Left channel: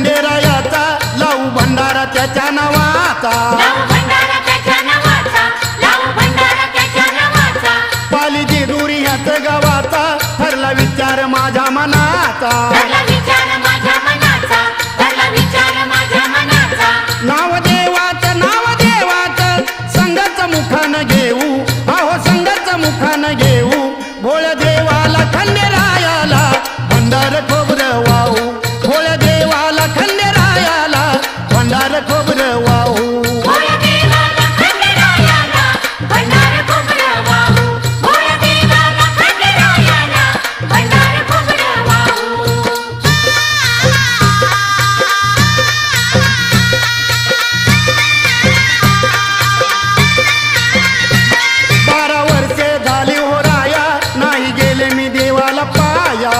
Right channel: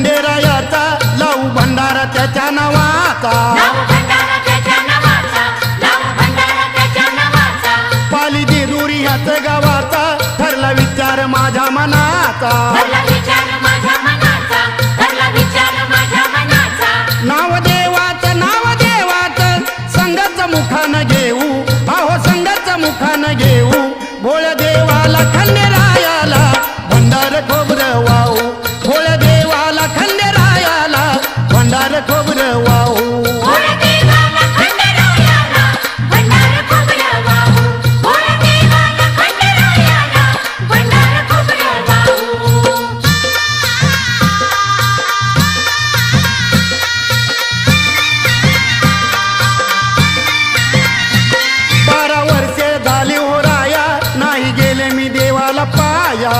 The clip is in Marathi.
खंडेरायाचा लावू भंडारा त्याच्या नावाचा पाली जेजुरी ह्याच गावाचा ठरला विचार माझ्या मनाचा नाव देवाचं संघाच मुखानं घेऊ अहो संघाच मुखानं घेऊ भोळ्या देवाला खंडेरायाला भंडार खोबरं वाहू भोळ्या देवाला खंडेरायाला भंडार खोबरं वाहू झाली हो राया नाही गेले मी देवाला पाया